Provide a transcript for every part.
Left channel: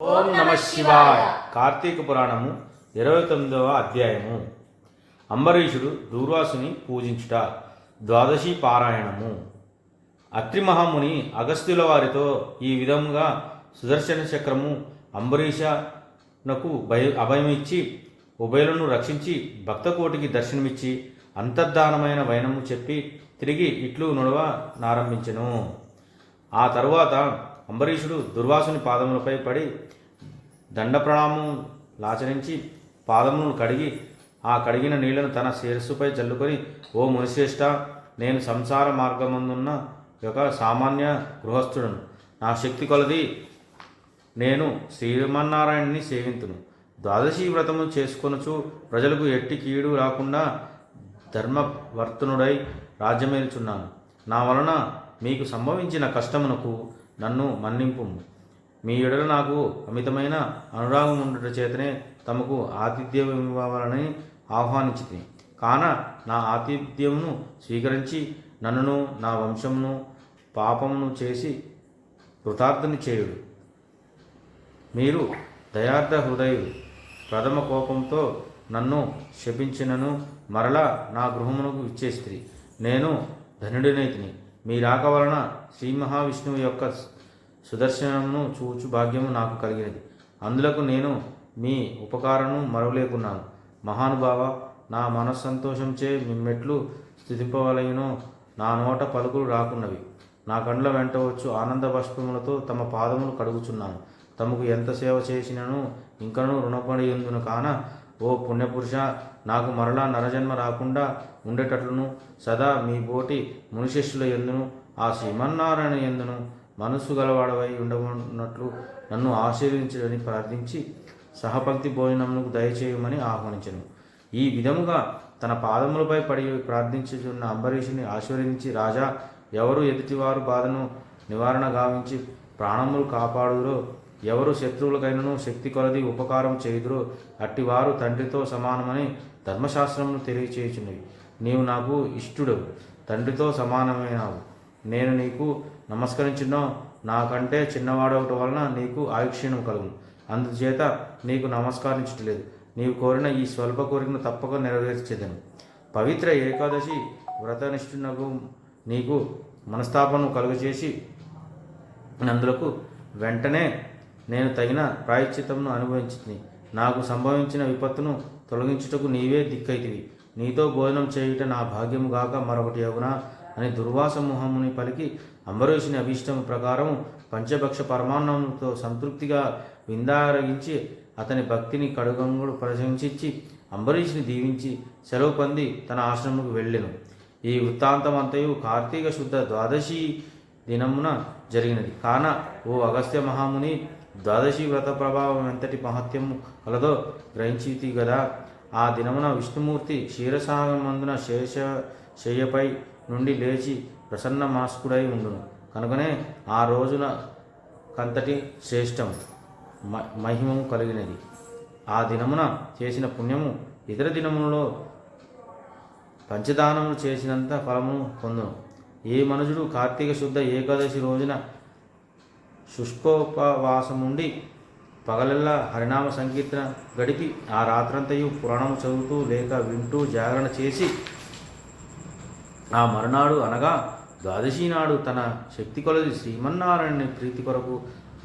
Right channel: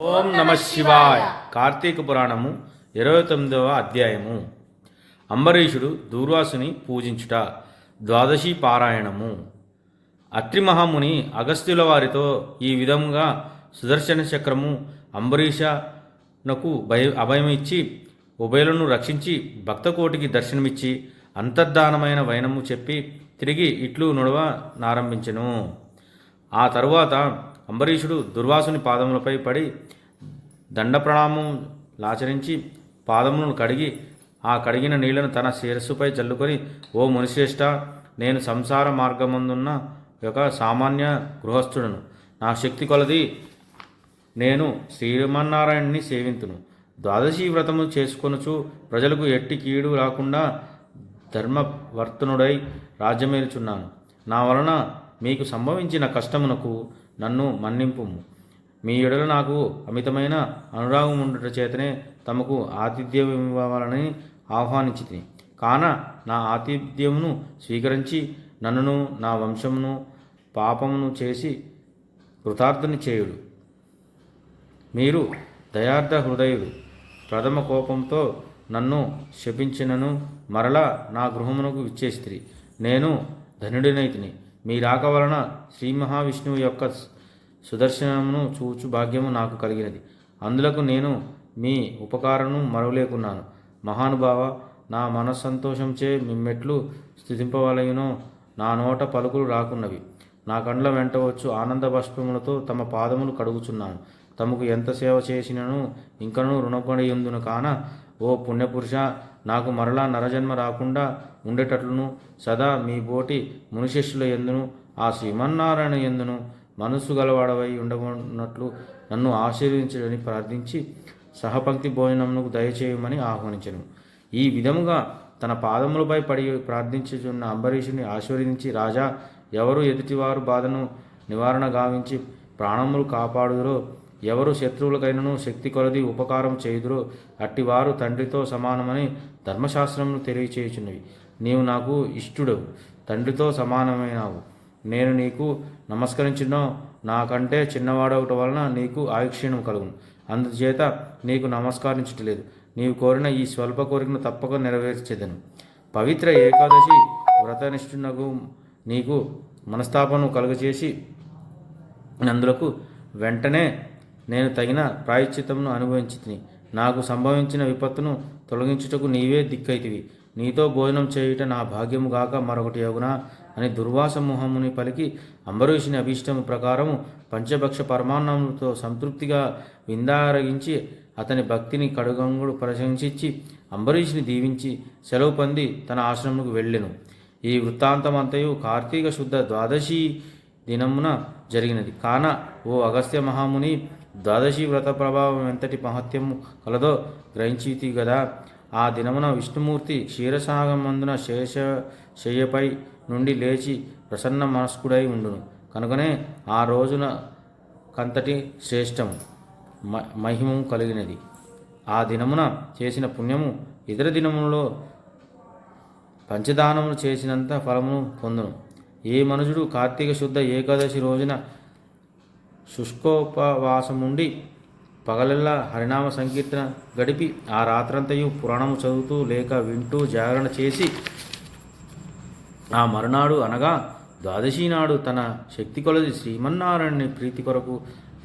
ఓం నమ శివాయ. కార్తీక పురాణము 29వ అధ్యాయము. అంబరీషుడు దూర్వాసుని పూజించుట. ద్వాదశి పారాయణము. అత్రి మహాముని అగస్త్యుల వారితో ఈ విధంగా సుదర్శన చక్రము అంబరీషనకు అభయమిచ్చి ఉభయులను రక్షించి భక్తకోటికి దర్శనమిచ్చి అంతర్ధానమైన వైనము చెప్పి తిరిగి ఇట్లు నడవ నారంభించెను. ఆ తరువాత అంబరీషుడు దుర్వాసుని పాదములపై పడి దండ ప్రణామం లాచరించి పాదములను కడిగి ఆ కడిగిన నీళ్లను తన శిరస్సుపై చల్లుకొని, ఓ మునిశ్రేష్ఠ, నేను సంసార మార్గమందున్న ఒక సామాన్య గృహస్థుడను. నా శక్తి కొలది నేను శ్రీమన్నారాయణుని సేవింతును. ద్వాదశి వ్రతము చేసుకొనుచు ప్రజలకు ఎట్టి కీడు రాకుండా ధర్మవర్తనుడై రాజ్యమేలుచున్నాను. నా వలన మీకు సంభవించిన కష్టమునకు నన్ను మన్నింపుము. మీ ఎడల నాకు అమితమైన అనురాగం ఉండుట చేతనే తమకు ఆతిథ్యం ఇవ్వాలని ఆహ్వానించితిని. కాన నా ఆతిథ్యమును స్వీకరించి నన్నును నా వంశమును పాపమును చేసి కృతార్థుని చేయుడు. మీరు దయార్థ హృదయుడు. ప్రథమ కోపంతో నన్ను శపించినను మరలా నా గృహమునకు విచ్చేస్త్రి. నేను ధనుడినైతిని. మీ రాక వలన శ్రీ మహావిష్ణువు యొక్క సుదర్శనమును చూచు భాగ్యము నాకు కలిగినది. అందులకు నేను మీ ఉపకారము మరవలేకున్నాను. మహానుభావ, నా మనస్సంతోషంచే మిమ్మెట్లు స్థుతింపవలయునో నా నోట పలుకులు రాకున్నవి. నా కండ్ల వెంట వచ్చు ఆనంద బాష్పములతో తమ పాదములు కడుగుచున్నాను. తమకు ఎంత సేవ చేసినను ఇంకనూ రుణపడి ఉందును. కాన ఓ పుణ్యపురుష, నాకు మరలా నరజన్మ రాకుండా ఉండేటట్లును సదా మీ బోటి మునిశిష్యుల ఎందును ఆ శ్రీమన్నారాయణ ఎందును మనస్సు గలవాడవై ఉండనున్నట్లు నన్ను ఆశీర్వదించడని ప్రార్థించి సహపంక్తి భోజనమునకు దయచేయమని ఆహ్వానించను. ఈ విధముగా తన పాదములపై పడి ప్రార్థించుచున్న అంబరీషుని ఆశీర్వదించి, రాజా, ఎవరు ఎదుటివారు బాధను నివారణ గావించి ప్రాణములు కాపాడుదురో, ఎవరు శత్రువులకైనను శక్తి కొలది ఉపకారం చేయుదురో అట్టివారు తండ్రితో సమానమని ధర్మశాస్త్రమును తెలియచేయుచున్నవి. నీవు నాకు ఇష్టుడవు, తండ్రితో సమానమైనావు. నేను నీకు నమస్కరించున్నో నాకంటే చిన్నవాడవట వలన నీకు ఆయుక్షీణం కలుగును. అందుచేత నీకు నమస్కరించట్లేదు. నీవు కోరిన ఈ స్వల్ప కోరికను తప్పక నెరవేర్చేదను. పవిత్ర ఏకాదశి వ్రతనిష్ఠునకు నీకు మనస్తాపను కలుగచేసి నందులకు వెంటనే నేను తగిన ప్రాయశ్చిత్తమును అనుభవించితిని. నాకు సంభవించిన విపత్తును తొలగించుటకు నీవే దిక్కైతివి. నీతో భోజనం చేయుట నా భాగ్యము గాక మరొకటి అగునా అని దుర్వాస మోహముని పలికి అంబరీషుని అభీష్టము ప్రకారము పంచభక్ష పరమాన్నములతో సంతృప్తిగా విందారగించి అతని భక్తిని కడుగంగుడు ప్రశంసించి అంబరీషుని దీవించి సెలవు పొంది తన ఆశ్రమముకు వెళ్ళెను. ఈ వృత్తాంతమంతయు కార్తీక శుద్ధ ద్వాదశి దినమున జరిగినది. కాన ఓ అగస్త్య మహాముని, ద్వాదశి వ్రత ప్రభావం ఎంతటి మహత్యము కలదో గ్రహించితి గదా. ఆ దినమున విష్ణుమూర్తి క్షీరసాగమందున శయ్యపై నుండి లేచి ప్రసన్న మనస్కుడై ఉండును. కనుకనే ఆ రోజున కంతటి శ్రేష్టం మహిమము కలిగినది. ఆ దినమున చేసిన పుణ్యము ఇతర దినములలో పంచదానములు చేసినంత ఫలమును పొందును. ఏ మనుషుడు కార్తీక శుద్ధ ఏకాదశి రోజున శుష్కోపవాసముండి పగలల్లా హరినామ సంకీర్తన గడిపి ఆ రాత్రంతయు పురాణము చదువుతూ లేక వింటూ జాగరణ చేసి ఆ మరునాడు అనగా ద్వాదశి నాడు తన శక్తి కొలది శ్రీమన్నారాయణుని ప్రీతి కొరకు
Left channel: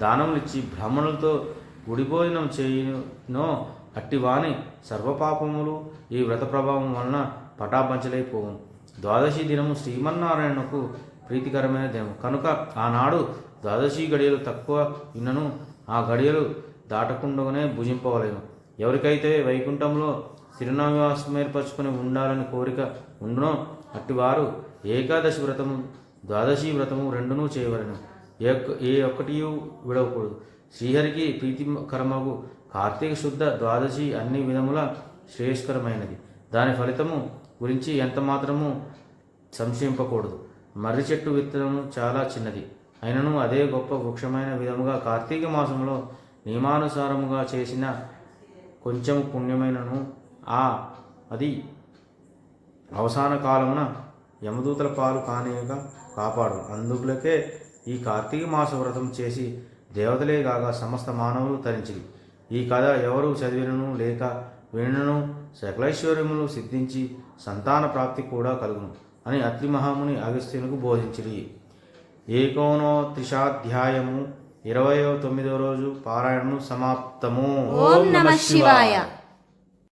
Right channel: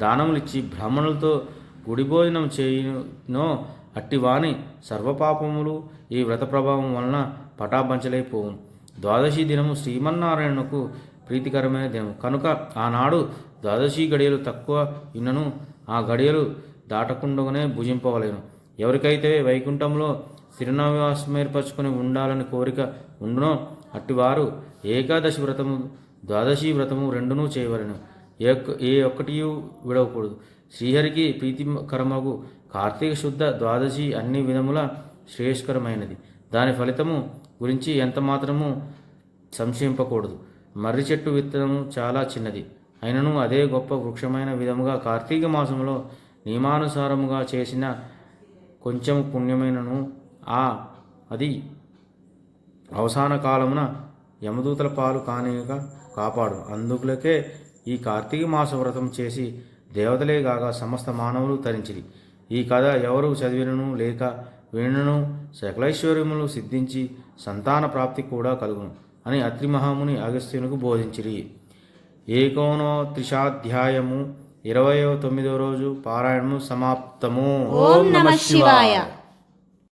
దానములిచ్చి బ్రాహ్మణులతో గుడి భోజనం చేయునో అట్టివాని సర్వపాపములు ఈ వ్రత ప్రభావం వలన పటాపంచలైపోవును. ద్వాదశి దినము శ్రీమన్నారాయణకు ప్రీతికరమైన దినము కనుక ఆనాడు ద్వాదశి గడియలు తక్కువ విన్నను ఆ గడియలు దాటకుండానే భుజింపవలేను. ఎవరికైతే వైకుంఠంలో స్థిరనివాసం ఏర్పరచుకుని ఉండాలని కోరిక ఉండునో అట్టివారు ఏకాదశి వ్రతము ద్వాదశి వ్రతము రెండునూ చేయవలను. ఏ ఒక్కటి విడవకూడదు. శ్రీహరికి ప్రీతికరమగు కార్తీక శుద్ధ ద్వాదశి అన్ని విధముల శ్రేయస్కరమైనది. దాని ఫలితము గురించి ఎంత మాత్రము సంశయింపకూడదు. మర్రి చెట్టు విత్తనము చాలా చిన్నది అయినను అదే గొప్ప వృక్షమైన విధముగా కార్తీక మాసంలో నియమానుసారముగా చేసిన కొంచెం పుణ్యమైనను అది అవసాన కాలమున యమదూతల పాలు కానిగా కాపాడు. అందులకే ఈ కార్తీక మాస వ్రతం చేసి దేవతలే కాగా సమస్త మానవులు తరించిరి. ఈ కథ ఎవరు చదివినను లేక వినను సకలైశ్వర్యములు సిద్ధించి సంతాన ప్రాప్తి కూడా కలుగును అని అత్రి మహాముని అగస్త్యునికి బోధించిరి. 29వ రోజు పారాయణము సమాప్తము. ఓం నమః శివాయ.